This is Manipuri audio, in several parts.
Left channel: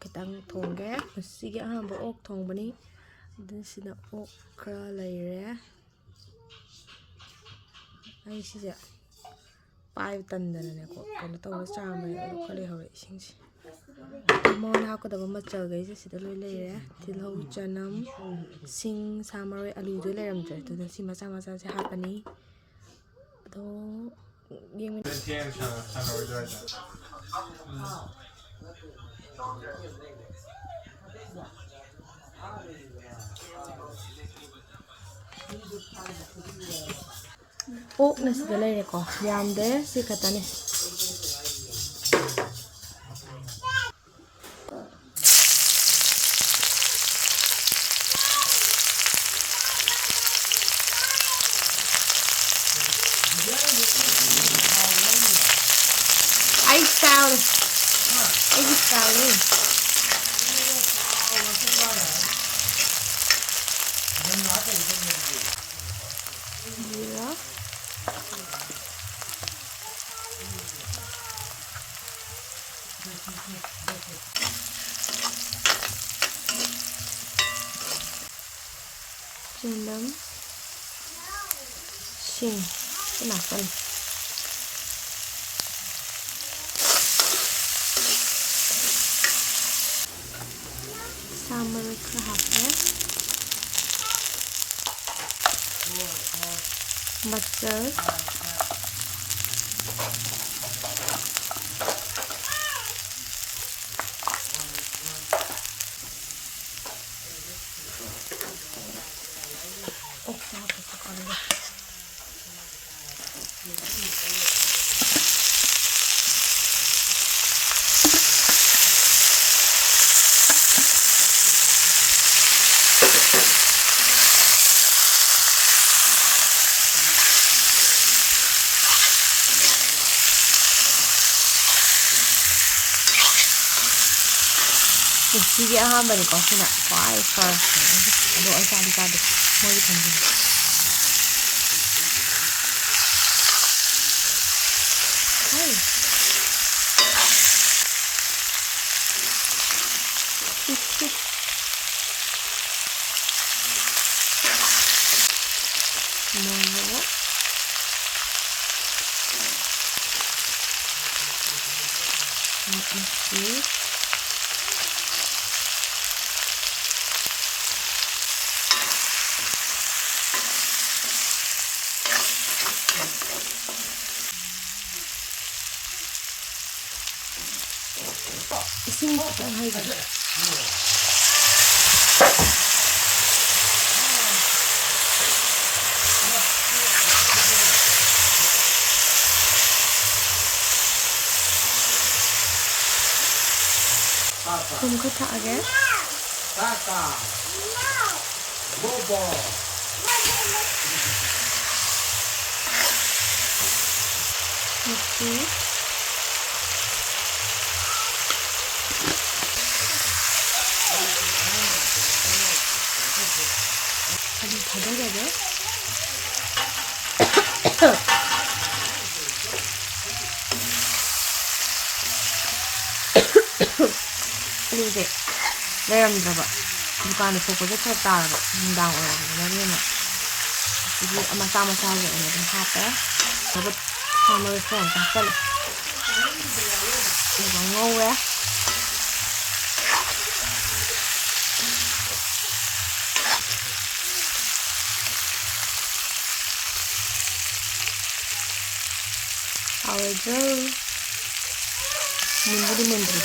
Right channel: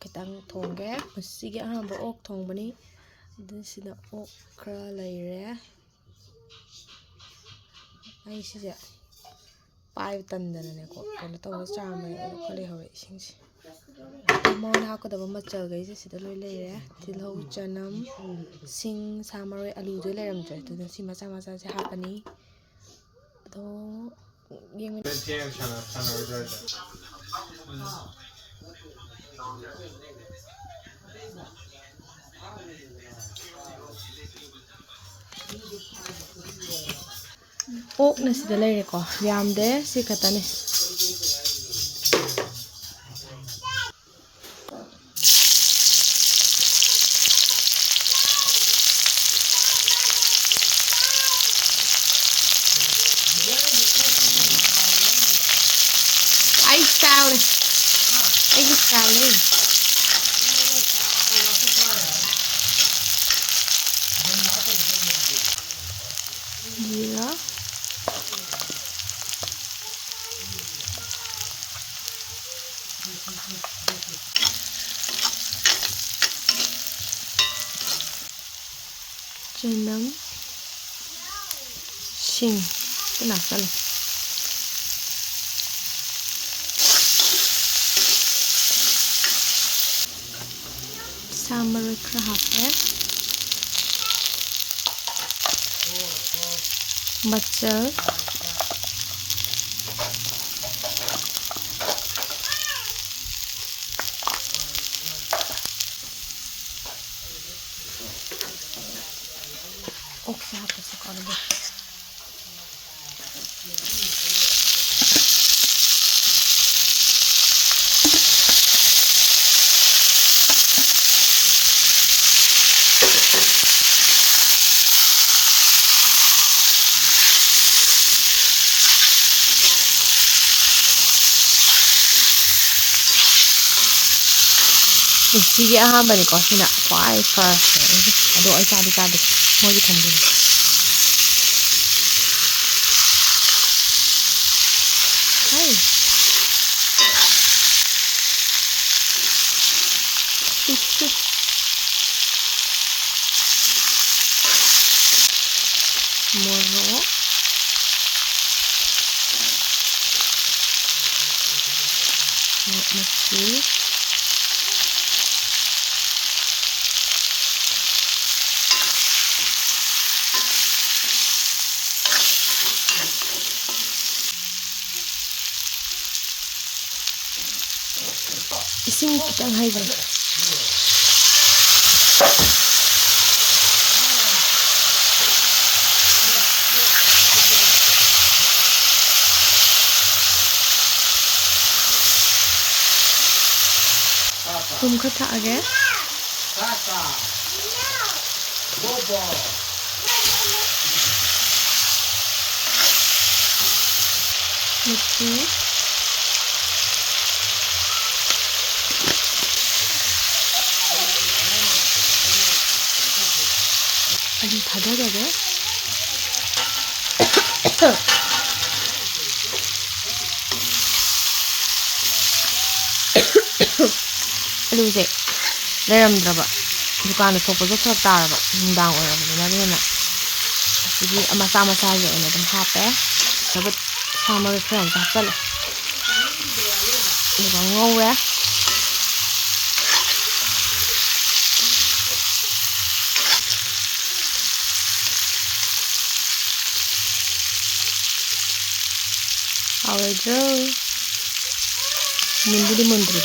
khitang thongge masigi ahamba ok thongbani then sida ok khara leire ai sije pai tandana ne ko kana tawa chama ne khale hore isingsi mon hakadaba machal gaise sida loi leire tilhau chanam sing samaroi alu jo leiramdre to si macha macha se hapani do yeng ok na sida leire ko yamde si katani ai style yeah. Chinam sing kenakan summer craft machal Sige ahamba ni ko sina kwai first ade ai sabi mo gi thambi hey no let me see ising kitang haiga kum kata age kaka bobo okay 아니 다르게 아니 이제 내려온다봐 두칸에 속에서 쳤다고 운당 오라고 말이야 이게 아마 싸마싸게 오늘 좀 사빼 이거 사마를 그냥 다 빨리 이거 왜 Awajo Nimbudi memberi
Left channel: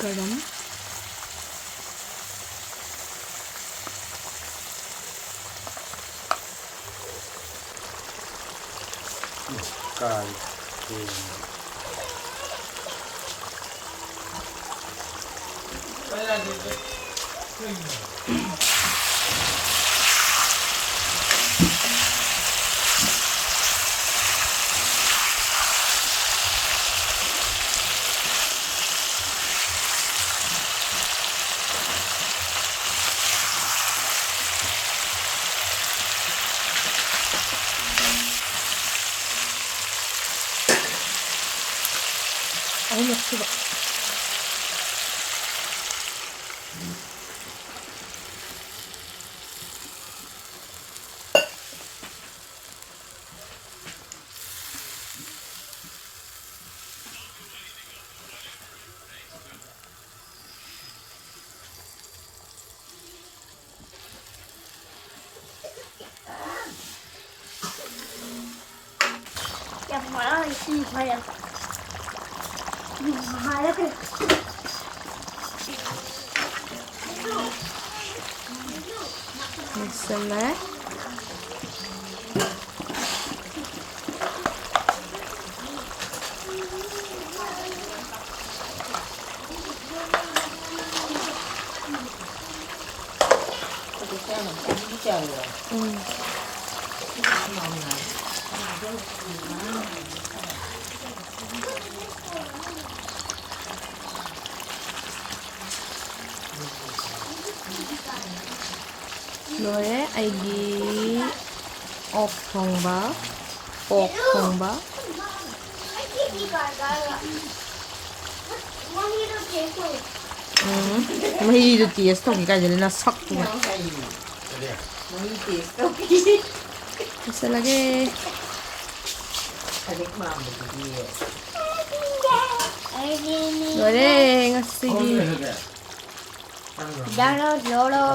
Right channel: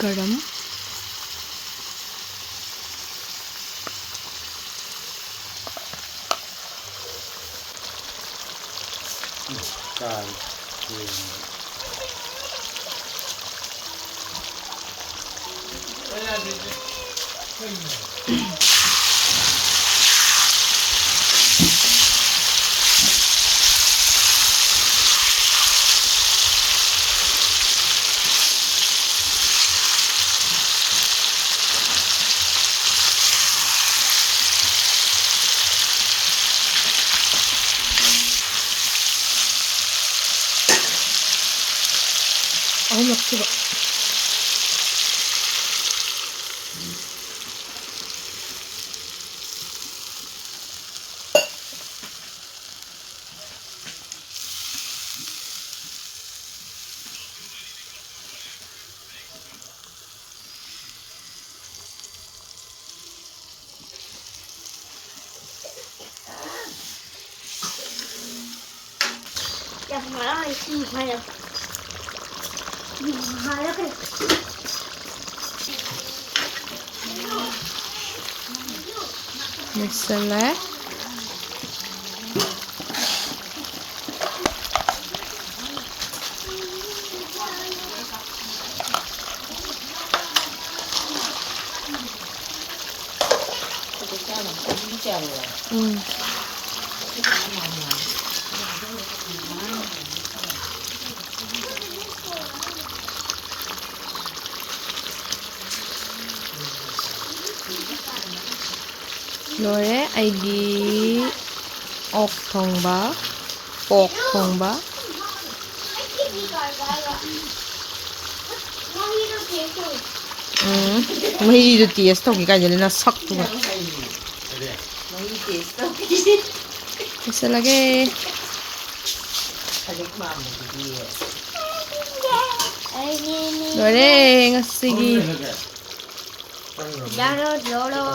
garam 넣기다. 야, 봐라, 이 봐야. 봐라, 그래. 됐을래? 응. 너의 아기 thongba, thongba. May itu tias to kika jadi nasak tuh. Bisa lagi. Boleh ngasih. Jangan dulu.